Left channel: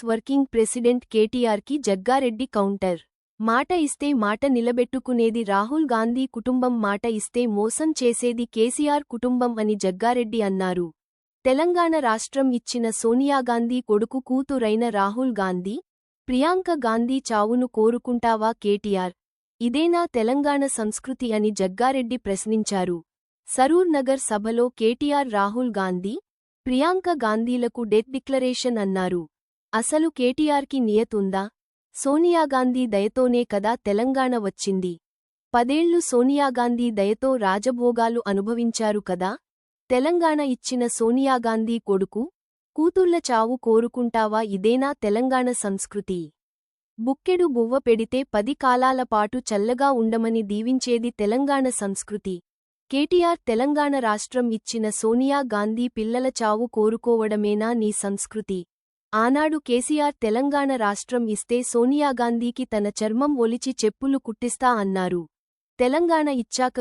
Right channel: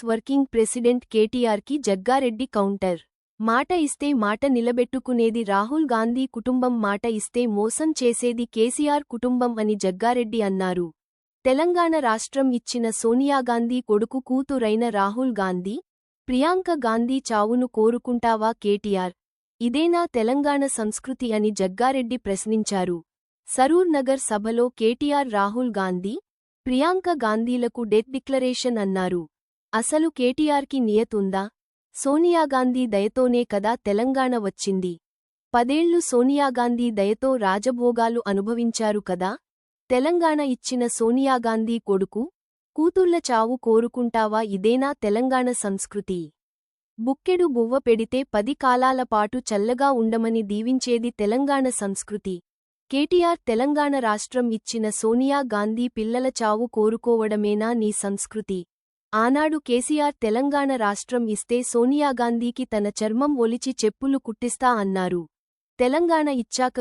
Congress working president కేటీఆర్కి Jaggareddy counter. మాట ఇస్తే మాట నిలబెట్టుకునేది రాహుల్ గాంధీ కుటుంబం, మాట ఇస్తే మోసం చేసేది కేసీఆర్ కుటుంబం అని జగ్గారెడ్డి అన్నారు. తెలంగాణ రాష్ట్రం ఇచ్చిన సోనియాగాంధీ కొడుకు కూతురైన రాహుల్ గాంధీ, ప్రియాంక గాంధీ చావును కోరుకుంటావా కేటీఆర్? ఇదేనా తెలంగాణ సంస్కృతి అని జగ్గారెడ్డి ప్రశ్నించారు. సరూర్ నగర్ సభలో కేటీఆర్ రాహుల్ గాంధీ, ప్రియాంక గాంధీలకు డెత్ డిక్లరేషన్ అన్నారు. అసలు కేటీఆర్కి నియతుందా? సోనియాగాంధీ దయతోనే కదా తెలంగాణ వచ్చింది. 10 ఏళ్లు సోనియాగాంధీ దయతో రాజభోగాలు అనుభవించారు కదా. తెలంగాణ ఇచ్చిన సోనియాగాంధీ కొడుకు, కూతుళ్ల చావు కోరుకుంటావా? ఇదేనా తెలంగాణ సంస్కృతి? బుక్కెడు బువ్వ పెడితే 10 కాలాల పాటు చల్లగా ఉండమని దీవించేది తెలంగాణ సంస్కృతి. కేటీఆర్, తెలంగాణ రాష్ట్రం ఇచ్చిన సోనియా గాంధీ పిల్లల చావు కోరుకోవడమేనా నీ సంస్కృతి? ఆనాడు కేసీఆర్ తెలంగాణ రాష్ట్రం ఇస్తే సోనియాగాంధీకి తన చర్మం ఒలిచి చెప్పులు కుట్టిస్తా అన్నారు. తెలంగాణ ఇచ్చాక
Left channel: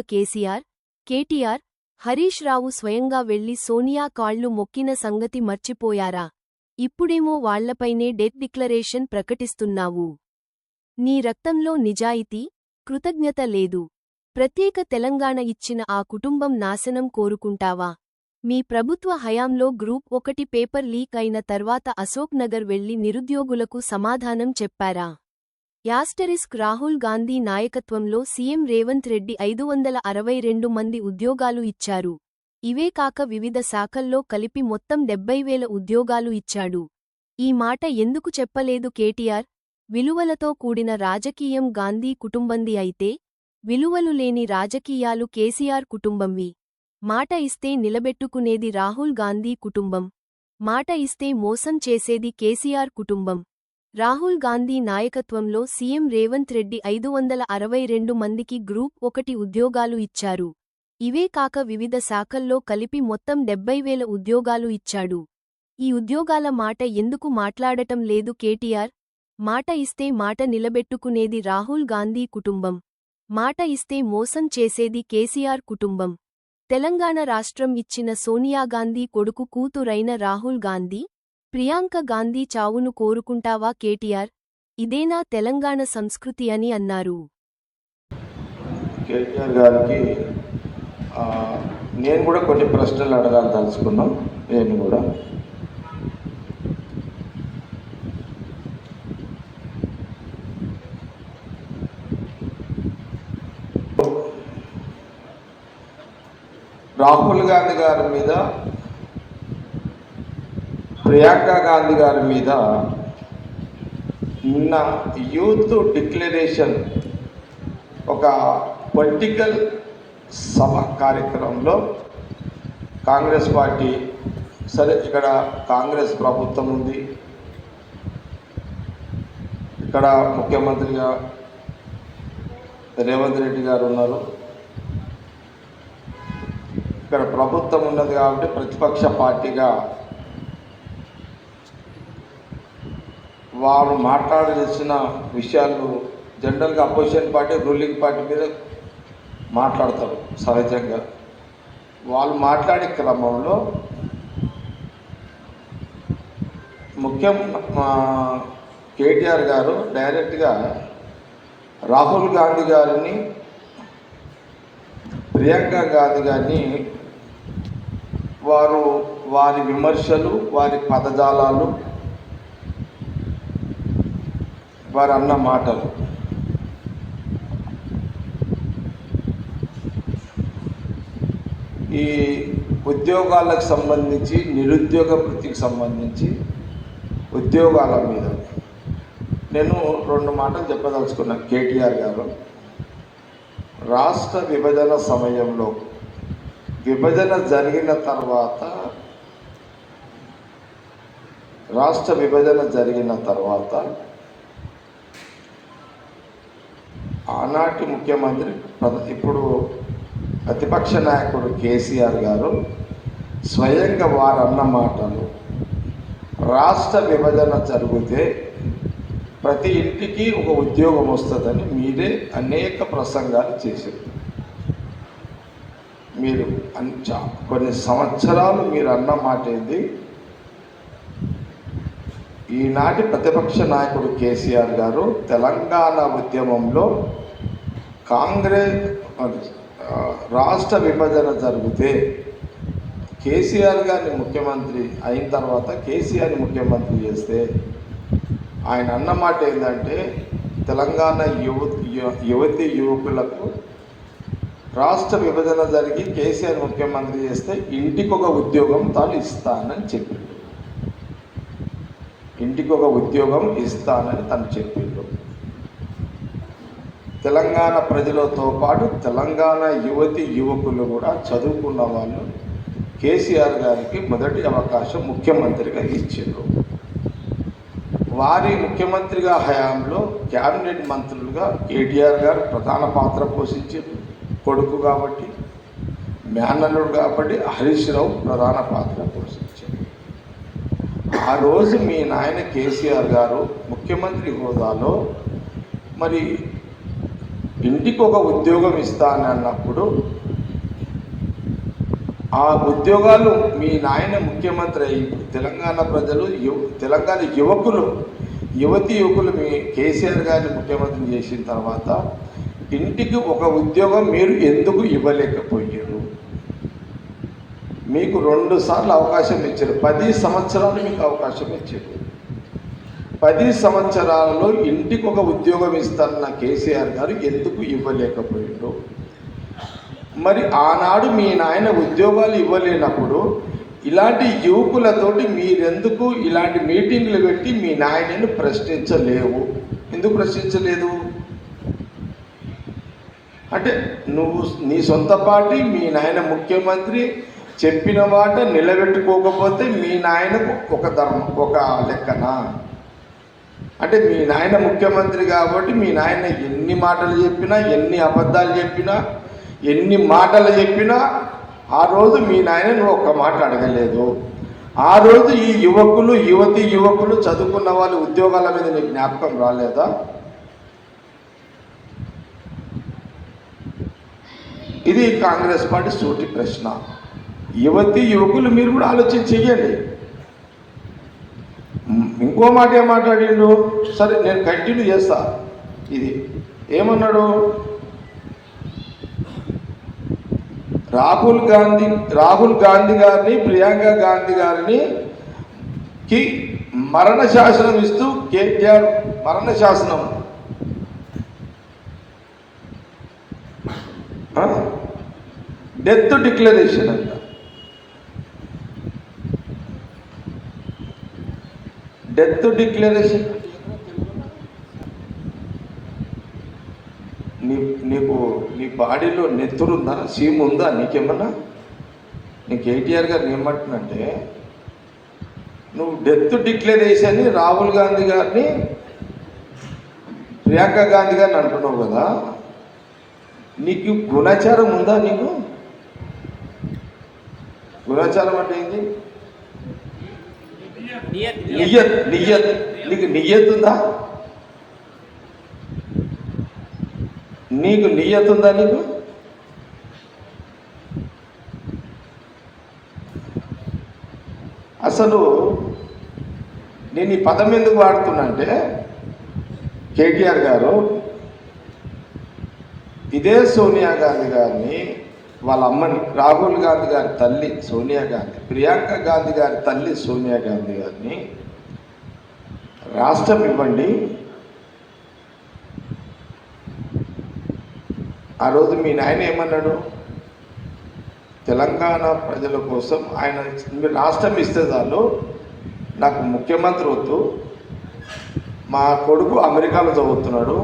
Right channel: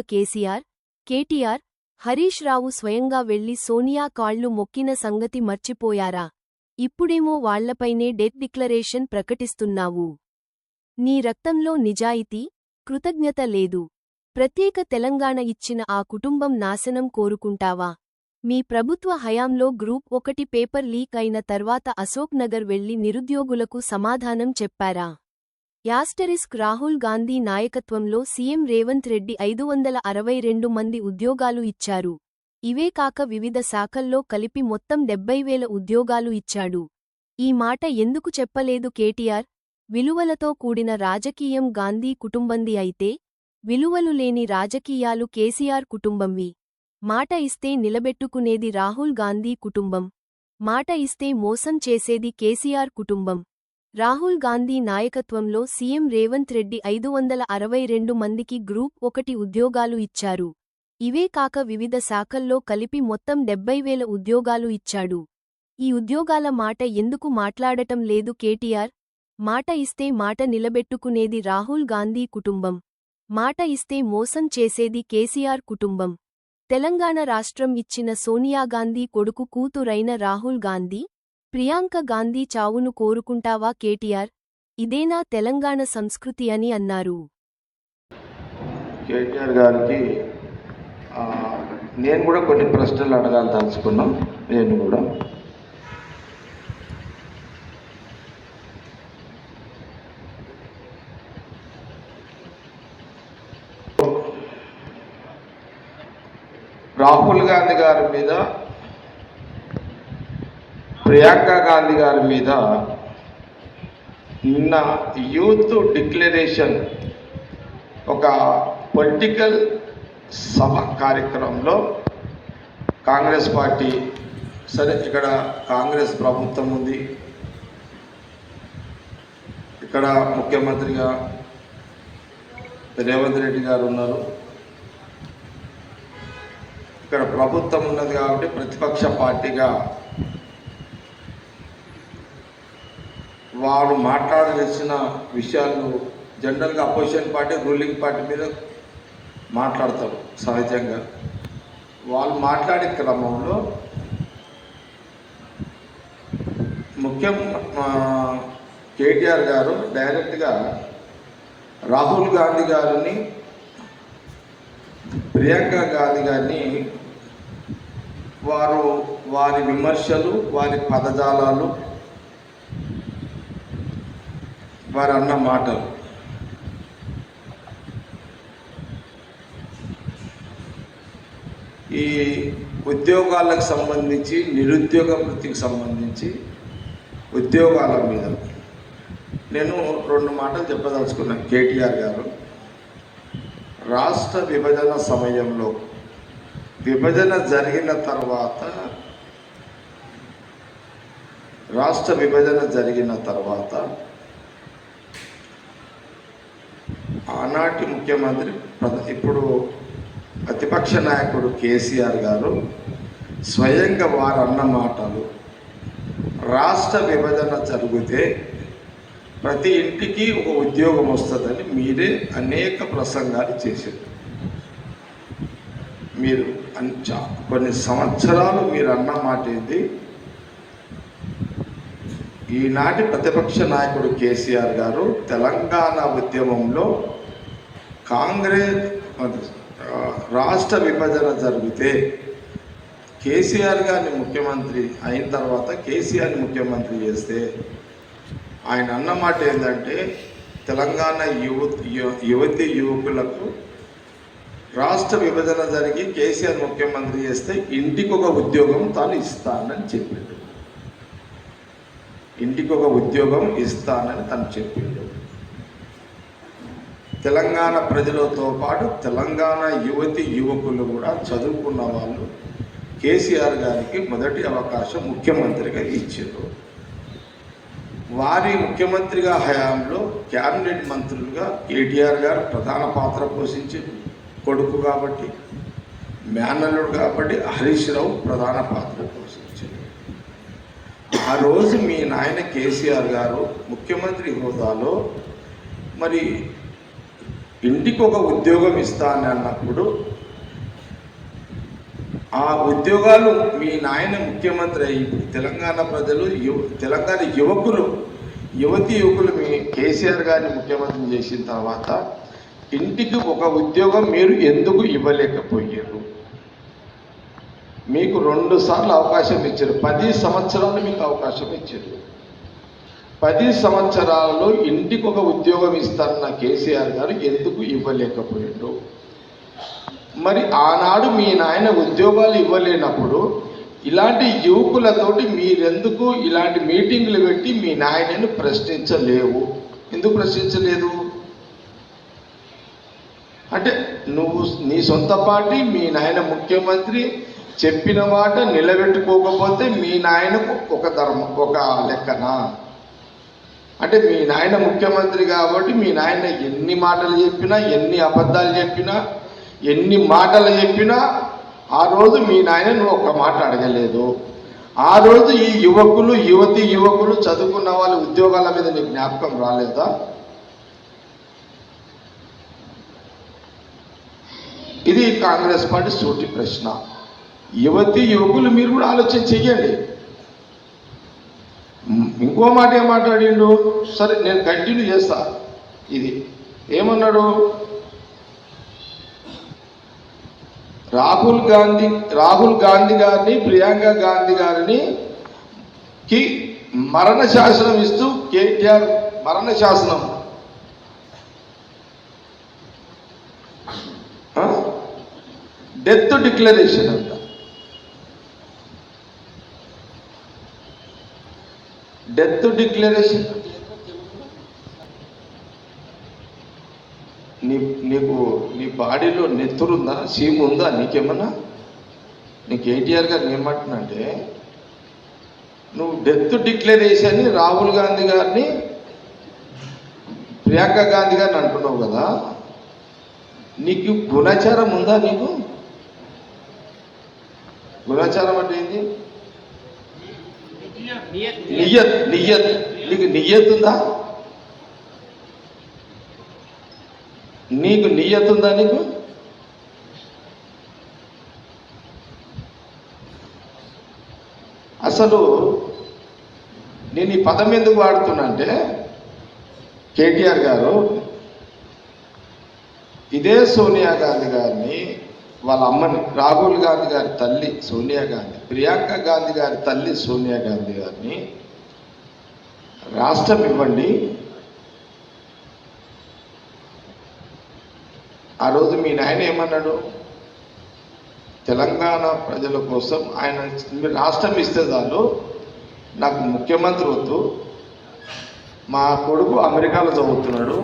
కేటీఆర్, హరీష్ రావు స్వయంగా వెళ్లి సోనియా కాళ్లు మొక్కిన సంగతి మర్చిపోయారా? ఇప్పుడేమో వాళ్లపైనే డెత్ డిక్లరేషన్ ప్రకటిస్తున్నావు. నీ రక్తంలో నిజాయితీ, కృతజ్ఞత లేదు. ప్రత్యేక తెలంగాణ ఇచ్చిన ఆ కుటుంబం నాశనం కోరుకుంటావా? మీ ప్రభుత్వ హయాంలో గ్రూప్ 1 పేపర్ లీక్ అయిన తర్వాత అశోక్ నగర్ వెళ్లి నిరుద్యోగులకు సమాధానం చెప్పారా? రాహుల్ గాంధీ నాయకత్వంలో సీఎం రేవంత్ రెడ్డి 562 మంది ఉద్యోగాలు ఇచ్చారు. ఇవే కాక వివిధ శాఖల్లో కలిపి మొత్తం 70,000 ఉద్యోగాలు ఇచ్చాడు. ఈ మాట ఎందుకు చెప్పలేదు కేటీఆర్? విలువలతో కూడిన రాజకీయం గాంధీ కుటుంబంది అయితే, విలువలు లేని రాజకీయాలు కేసీఆర్ కుటుంబంవి. మాట ఇస్తే నిలబెట్టుకునేది రాహుల్ గాంధీ కుటుంబం, మాట ఇస్తే మోసం చేసేది కేసీఆర్ కుటుంబం. రాహుల్ గాంధీ నాయకత్వంలో సీఎం రేవంత్ రెడ్డి 562 మందికి గ్రూప్ 1 ఉద్యోగాలు ఇచ్చారు. ఇవే కాక వివిధ శాఖల్లో కలిపి మొత్తం 70,000 ఉద్యోగాలు ఇచ్చాడు. ఈ ఉద్యోగాల మాట ఎందుకు మాట్లాడటం లేదు కేటీఆర్? మాట ఇస్తే మాట నిలబెట్టుకునేది రాహుల్ గాంధీ కుటుంబం, మాట ఇస్తే మోసం చేసేది కేసీఆర్ కుటుంబం. తెలంగాణ రాష్ట్రం ఇచ్చిన సోనియాగాంధీ కొడుకు కూతురైన రాహుల్ గాంధీ, ప్రియాంక గాంధీ చావును కోరుకుంటావా కేటీఆర్? ఇదేనా తెలంగాణ సంస్కృతి అని అన్నారు. కేటీఆర్ గారికి నేను కూడా కొన్ని ప్రశ్నలు అడగాలి తలుచుకున్నాం. నేను కూడా రాహుల్ గాంధీ గారి మీద, ప్రియాంక గాంధీ గారి మీద నిన్న యూత్ డిక్లరేషన్ ఒక పొలిటికల్ సభ కార్యక్రమంలో కాంగ్రెస్ పార్టీ, సరే ఇక్కడ కాంగ్రెస్ ప్రభుత్వం ఉంది, ఇక్కడ ముఖ్యమంత్రిగా రేవంత్ రెడ్డి గారు ఉన్నారు, ఇక్కడ ప్రభుత్వం ఉన్నది కాబట్టి ప్రతిపక్ష పార్టీగా వాళ్ళు మాట్లాడాల్సిన విషయాలు జనరల్గా అపోజిషన్ పార్టీ రూలింగ్ పార్టీ మీద మాట్లాడతారు సహజంగా. వాళ్ళు మాట్లాడే క్రమంలో కేటీఆర్ గారు డైరెక్ట్గా రాహుల్ గాంధీ గారిని, ప్రియాంక గాంధీ గారిని వారి విమర్శలు, వారి పదజాలాలు, వారు అన్న మాటలు ఈ ఉద్యోగాలకు సంబంధించి, నిరుద్యోగ వృత్తికి సంబంధించి ఉద్యోగాల మీద నేను 2 మాటలు చెప్పదలుచుకున్నాను. కేటీఆర్ గారు రాష్ట్ర విభజన సమయంలో, విభజన జరిగిన తర్వాత ఆనాటి ముఖ్యమంత్రి, ఇప్పుడు ప్రతిపక్ష నాయకుడు కేసీఆర్ గారు స్వయంగా వారు అన్న మాటలు, రాష్ట్ర విభజన జరిగితే ప్రతి ఇంటికి ఒక ఉద్యోగం వస్తుందని మీరే అనేక ప్రసంగాలు చేశారు. మీరు కొన్ని సంవత్సరాలు మీరు అన్న మాట ఏంది? ఈనాటి ప్రతిపక్ష నాయకుడు కేసీఆర్ గారు తెలంగాణ ఉద్యమంలో కాంగ్రెస్ రాష్ట్ర విభజన జరిగితే కేసీఆర్ గారిని ముఖ్యమంత్రి అయిన తర్వాత కేసీఆర్ని ముఖ్యమంత్రి చేస్తే ఆయన అన్నమాట ఏంటంటే తెలంగాణ యువతి యువకులకు రాష్ట్ర విభజన జరిగి కేసీఆర్ ముఖ్యమంత్రి చేస్తే ఇంటికి ఒక ఉద్యోగం తాను ఇస్తానని చెప్పిండు. ఇంటికి ఒక ఉద్యోగం ఇస్తానని తను చెప్పిండు. తెలంగాణ ప్రజలతో పాటు తెలంగాణ యువతి యువకులు కూడా చదువుకున్న వాళ్ళు కేసీఆర్ గారికి మొదటి అవకాశం ముఖ్యమంత్రిగా ఇచ్చారు. వారి ముఖ్యమంత్రిగా హయాంలో క్యాబినెట్ మంత్రులుగా కేటీఆర్ గారు ప్రధాన పాత్ర పోషించారు. కొడుకు కాబట్టి, మేనల్లుడు కాబట్టి హరీష్ రావు ప్రధాన పాత్ర పోషించారు. ఆ రోజు మీ నాయన కేసీఆర్ గారు ముఖ్యమంత్రి హోదాలో మరి ఇంటికి ఒక ఉద్యోగం ఇస్తానన్నప్పుడు ఆ ఉద్యోగాలు మీ నాయన ముఖ్యమంత్రి అయ్యి తెలంగాణ ప్రజలు తెలంగాణ యువతి యువకులు మీ కేసీఆర్ గారిని ముఖ్యమంత్రి చేసిన తర్వాత ఇంటికి ఒక ఉద్యోగం మీరు ఎందుకు ఇవ్వలేకపోయారు? మీకు 2 సార్లు అవకాశం ఇచ్చారు. 10 సంవత్సరాలు మీకు అవకాశం ఇచ్చారు. 10 సంవత్సరాలలో ఇంటికి ఒక ఉద్యోగం ఇస్తారన్న కేసీఆర్ గారు ఎందుకు ఇవ్వలేకపోయారు? మరి ఆనాడు మీ నాయన ఉద్యోగాలు ఇవ్వలేనప్పుడు ఇలాంటి యువకులతోటి మీరెందుకు ఇలాంటి మీటింగ్లు పెట్టి మీ నాయనను ప్రశ్నించలేవు? ఎందుకు ప్రశ్నించలేదు? అంటే నువ్వు నీ సొంత పార్టీ మీ నాయన ముఖ్యమంత్రి చెప్పిన మాట నిలబెట్టుకోకపోతే మీ నాయనకు ఒక లెక్కనా? అంటే మీ నాయన ముఖ్యమంత్రి కాబట్టి మీ నాయన ఎన్ని మాటలు చెప్పినా, ఎన్ని అబద్ధాలు చెప్పినా, ఎన్ని మాటలు చెప్పినా ఆ రోజు మీ నాయన నువ్వు ఒక్క మాట అడగలేదు. ఆ రోజు ఈ యువతి యువకులు చదువుకున్న వాళ్ళ ఉద్యోగాల మీద నీకు జ్ఞాపకం రాలేదా? ఇది కాంగ్రెస్ పార్టీ సూటి ప్రశ్న. యువతి యువకులు మీరు కూడా ఆలోచన చెయ్యండి. ఇంకో మాట ఏం మాట్లాడిండు? సరే నేను కంటిన్యూ చేస్తా. ఇది ఏమన్నాడు? రాహుల్ గాంధీ గారిని, ప్రియాంక గాంధీ గారిని మరణ శాసనం ఇస్తూ కేటీఆర్ మరణ శాసనం డెత్ డిక్లరేషన్ అంట. డెత్ డిక్లరేషన్ నీ బాడీలో నెత్తురుందా? సీము ఉందా నీకేమన్నా? నీ కేటీఆర్ గారు ఏమంటున్నంటే నువ్వు డెత్ డిక్లరేషన్ రాహుల్ గాంధీ గారిని, ప్రియాంక గాంధీ గారిని అంటున్నావు కదా, నీకు గుణాచారం ఉందా? నీకు గుణాచారం అంటే ఏంటి? నియ్యత్ నీకు నియ్యత్ ఉందా? నీకు నియ్యత్ ఉందా? నీకు అసలు నేను ఈ పదం ఎందుకు వాడుతున్నా అంటే కేటీఆర్ గారు ఇదే సోనియా గాంధీ గారిని, వాళ్ళ అమ్మని, రాహుల్ గాంధీ గారి తల్లి సోనియా గాంధీ, ప్రియాంక గాంధీ గారి తల్లి సోనియా గాంధీ గారిని రాష్ట్రం ఇవ్వండి. ఆ రోజు మీ నాయన ఏమన్నాడు? తెలంగాణ ప్రజల కోసం ఆయన మీరు రాష్ట్రం ఇస్తే చాలు, నాకు ముఖ్యమంత్రి వద్దు, మా కొడుకు అమెరికాలో చదువుతున్నాడు,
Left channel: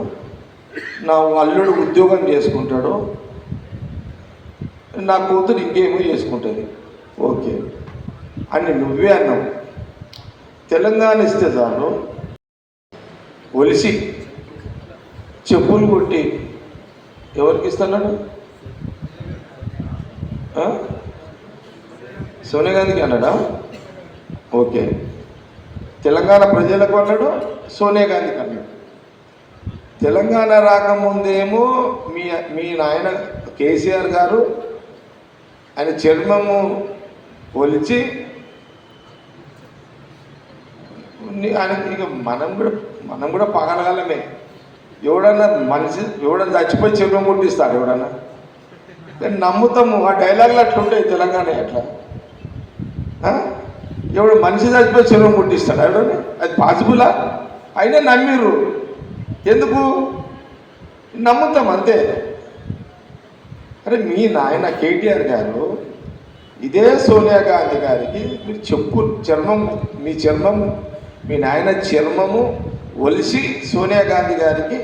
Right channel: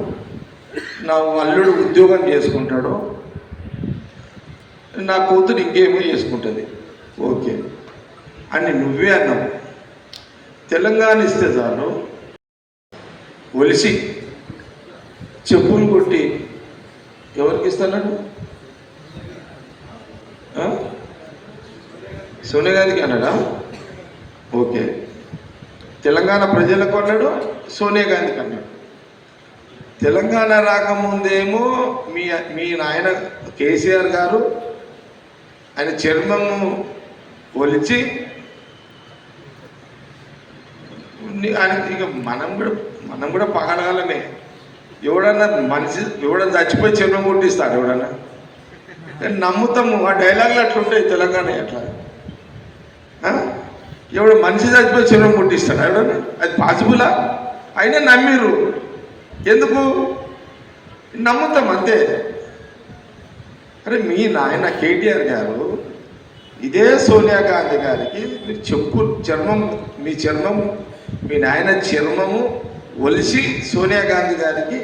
నా అల్లుడు ఉద్యోగం చేసుకుంటాడు, నా కూతురు ఇంకేమో చేసుకుంటుంది, ఓకే అని నువ్వే అన్నావు. తెలంగాణ ఇస్తే చాలు ఒలిసి చెప్పులు కొట్టి ఎవరికి ఇస్తున్నాడు? సోనియా గాంధీకి అన్నాడా? ఓకే. తెలంగాణ ప్రజలకు అన్నాడు, సోనియా గాంధీకి అన్నాడు. తెలంగాణ రాకముందేమో మీ నాయన కేసీఆర్ గారు ఆయన చర్మము ఒలిచి ఆయన ఇక మనం కూడా పగలగలమే. ఎవడన్నా ఎవడన్నా చచ్చిపోయి చెరువు ముట్టిస్తాడు ఎవడన్నా? నేను నమ్ముతాము. ఆ డైలాగులు అట్లా ఉంటాయి తెలంగాణ అట్లా. ఎవడు మనిషి చచ్చిపోయి చెరువు ముట్టిస్తాడు ఎవడన్నా? అది పాసిబులా? అయినా నమ్మిర్రు. ఎందుకు నమ్ముతాం అంతే. అరే మీ నాయన కేటీఆర్ గారు ఇదే సోనియా గాంధీ గారికి మీరు మీ నాయన చర్మము ఒలిసి సోనియా గాంధీ గారికి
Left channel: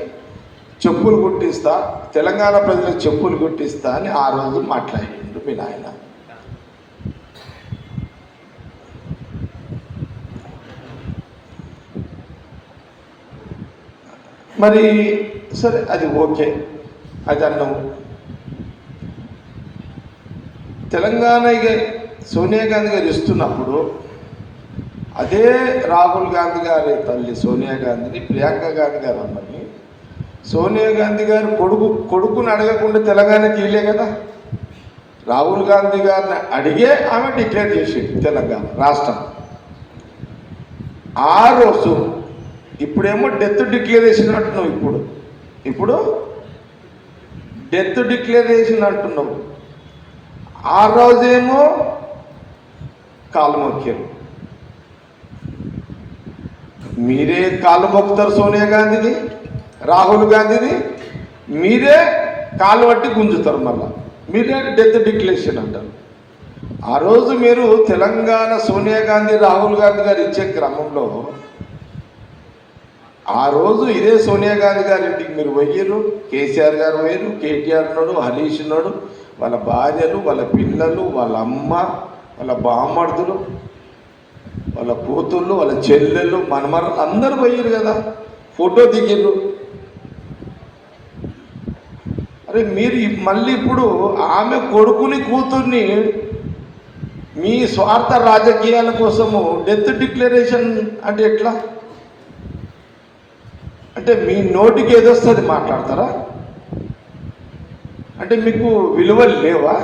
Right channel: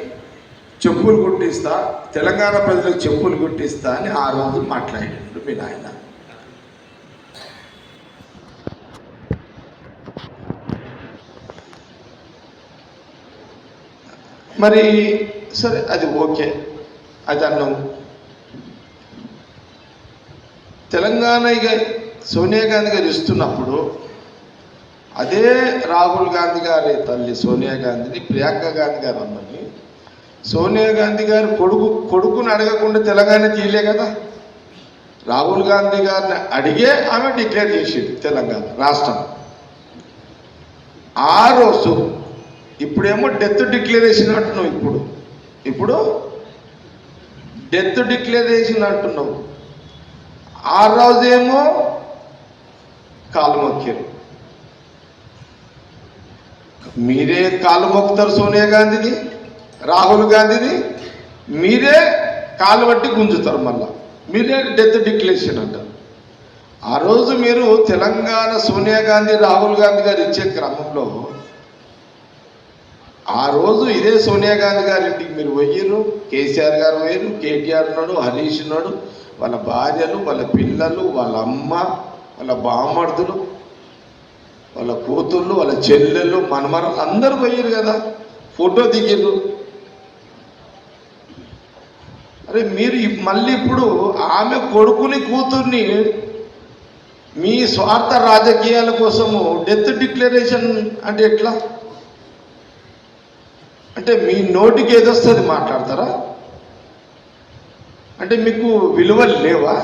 చెప్పులు కుట్టిస్తా, తెలంగాణ ప్రజలకు చెప్పులు కుట్టిస్తా అని ఆ రోజు మాట్లాడిండు మీ నాయన. మరి సరే, అది ఓకే, అది అన్నావు. తెలంగాణ సోనియా గాంధీ గారు ఇస్తున్నప్పుడు అదే రాహుల్ గాంధీ గారి తల్లి సోనియా గాంధీని ప్రియాంక గాంధీ గారు అన్నది. సోనియా గాంధీ గారు కొడుకుని అడగకుండా తెలంగాణ తీయలే కదా. రాహుల్ గాంధీ గారిని అడిగే ఆమె డిక్లేర్ చేసింది తెలంగాణ రాష్ట్రం. ఆ రోజు ఇప్పుడేమో డెత్ డిక్లరేషన్ అంటున్నావు. ఇప్పుడు డెత్ డిక్లరేషన్ అంటున్నావు. ఆ రోజేమో కాలు మొక్కారు. మీరే కాలు మొక్కుతారు సోనియా గాంధీని, రాహుల్ గాంధీని. మీరే కాలు పట్టి గుంజుతారు. మళ్ళా మీరే డెత్ డిక్లరేషన్ అంటారు. ఆ రోజు మీరు తెలంగాణ సోనియా గాంధీ రాహుల్ గాంధీ గారు ఇచ్చే క్రమంలో ఆ రోజు ఇదే సోనియా గాంధీ గారి ఇంటికి మీరు పోయారు. కేసీఆర్ గారు పోయారు, కేటీఆర్ ఉన్నాడు, హరీష్ ఉన్నాడు, వాళ్ళ భార్యలు, వాళ్ళ పిల్లలు, వాళ్ళ అమ్మ, వాళ్ళ బామ్మర్దులు, వాళ్ళ కూతుళ్ళు, వాళ్ళ చెల్లెళ్ళు, మనమరాలు అందరూ పోయారు కదా, ఫోటో దిగారు. అరే మీరు మళ్ళీ ఇప్పుడు ఆమె కొడుకుని కూతుర్ని మీ స్వార్థ రాజకీయాల కోసము డెత్ డిక్లరేషన్ అంటే ఎట్లా? అంటే మీ నోటికి ఏదొస్తుంది మాట్లాడతారా? అంటే మీకు విలువలు లేవా?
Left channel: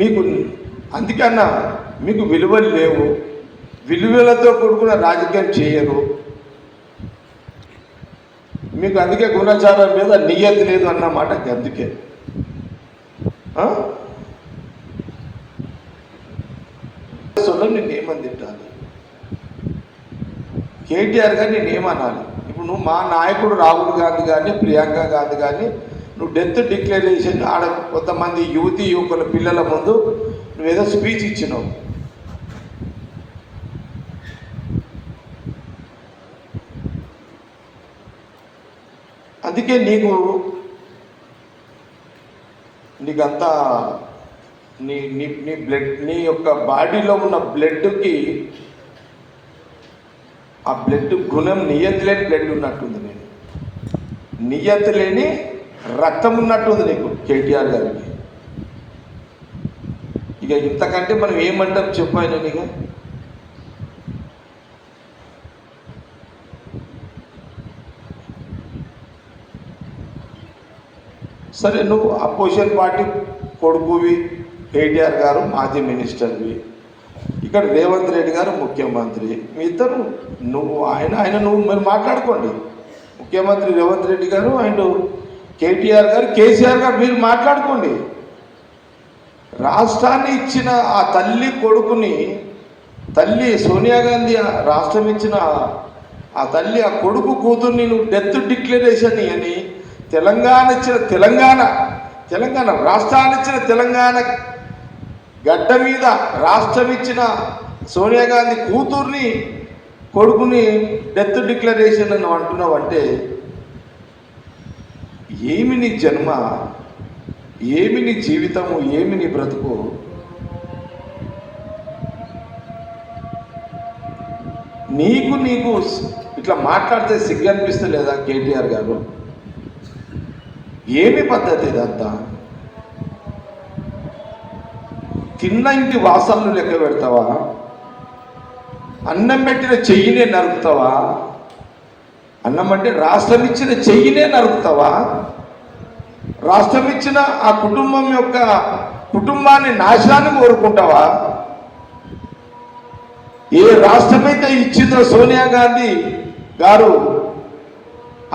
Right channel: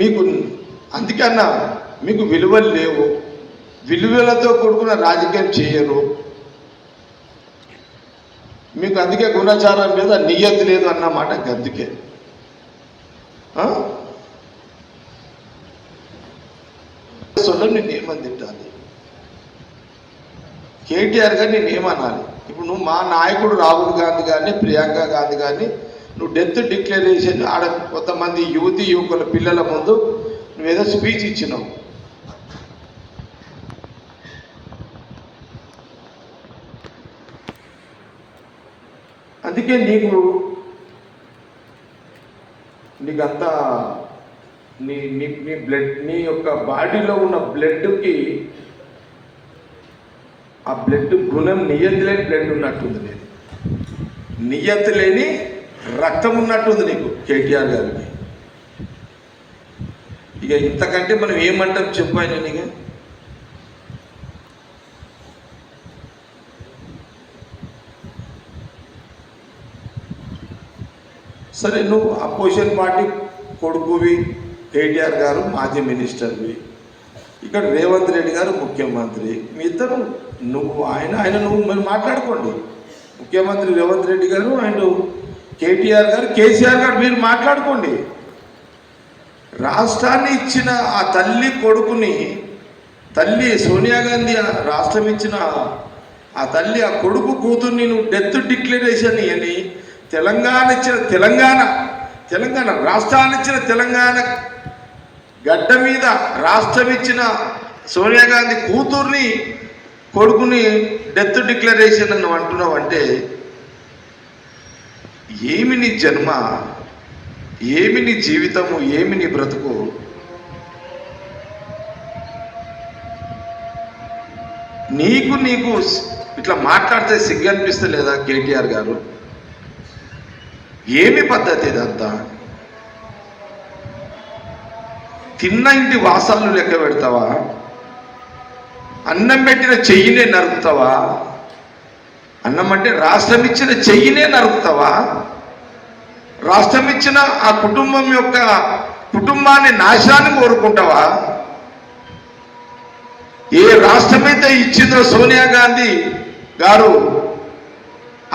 మీకు అందుకన్నా మీకు విలువలు లేవు, విలువలతో కూడుకున్న రాజకీయం చేయరు. మీకు అందుకే గుణాచారం మీద నియత లేదు అన్నమాట. అందుకే నేనేమని తింటాను? కేటీఆర్ గారిని నేనేమనాలి? ఇప్పుడు నువ్వు మా నాయకుడు రాహుల్ గాంధీ గారిని, ప్రియాంక గాంధీ గారిని నువ్వు డెత్ డిక్లరేషన్ ఆడ కొంతమంది యువకుల పిల్లల ముందు నువ్వేదో స్పీచ్ ఇచ్చినావు. అందుకే నీకంతా నీ బ్లడ్, నీ యొక్క బాడీలో ఉన్న బ్లడ్కి ఆ బ్లడ్ గుణం నియతి లేని బ్లడ్ ఉన్నట్టుంది. నియతి లేని రక్తం ఉన్నట్టుంది నీకు కేటీఆర్ గారికి. ఇక ఇంతకంటే మనం ఏమంటాం చెప్పు ఆయన. ఇక సరే, నువ్వు అపోజిషన్ పార్టీ కొడుకువి, కేటీఆర్ గారు మాజీ మినిస్టర్వి, ఇక్కడ రేవంత్ రెడ్డి గారు ముఖ్యమంత్రి. మీ ఇద్దరు నువ్వు మీరు మాట్లాడుకోండి. ముఖ్యమంత్రి రేవంత్ రెడ్డి గారు అండ్ కేటీఆర్ గారు, కేసీఆర్ గారు మీరు మాట్లాడుకోండి. రాష్ట్రాన్ని ఇచ్చిన ఆ తల్లి కొడుకుని, తల్లి సోనియా గాంధీ రాష్ట్రం ఇచ్చిన ఆ తల్లి ఆ కొడుకు కూతుర్ని నువ్వు డెత్ డిక్లరేషన్ అని తెలంగాణ రాష్ట్రాన్ని ఇచ్చిన తెలంగాణ గడ్డ మీద రాష్ట్రం ఇచ్చిన సోనియా గాంధీ కూతుర్ని కొడుకుని డెత్ డిక్లరేషన్ అని అంటున్నావు. అంటే ఏమి నీ జన్మ, ఏమి నీ జీవితము, ఏమి నీ బ్రతుకు? నీకు ఇట్లా మాట్లాడితే సిగ్గు అనిపిస్తలేదా కేటీఆర్ గారు? ఏమి పద్ధతి ఇదంతా? తిన్న ఇంటి వాసాలను లెక్క పెడతావా? అన్నం పెట్టిన చెయ్యినే నరుకుతావా? అన్నం అంటే రాష్ట్రం ఇచ్చిన చెయ్యినే నరుకుతావా? రాష్ట్రం ఇచ్చిన ఆ కుటుంబాన్ని నాశనాన్ని కోరుకుంటావా? ఏ రాష్ట్రమైతే ఇచ్చిందో సోనియా గాంధీ గారు,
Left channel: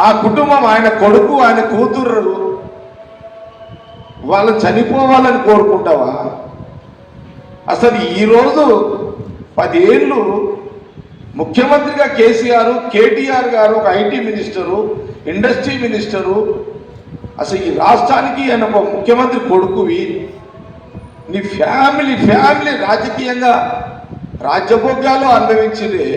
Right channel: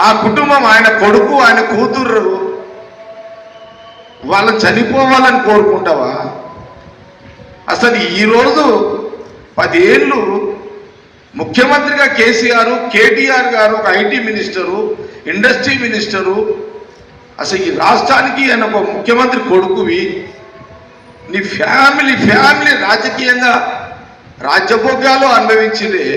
ఆ కుటుంబం, ఆయన కొడుకు, ఆయన కూతురు వాళ్ళు చనిపోవాలని కోరుకుంటావా? అసలు ఈరోజు 10 ఏళ్ళు ముఖ్యమంత్రిగా కేసీఆర్, కేటీఆర్ గారు ఒక ఐటీ మినిస్టరు, ఇండస్ట్రీ మినిస్టరు, అసలు ఈ రాష్ట్రానికి ఆయన ఒక ముఖ్యమంత్రి కొడుకువి. నీ ఫ్యామిలీ రాజకీయంగా రాజ్యభోగ్యాలు అనుభవించిందే.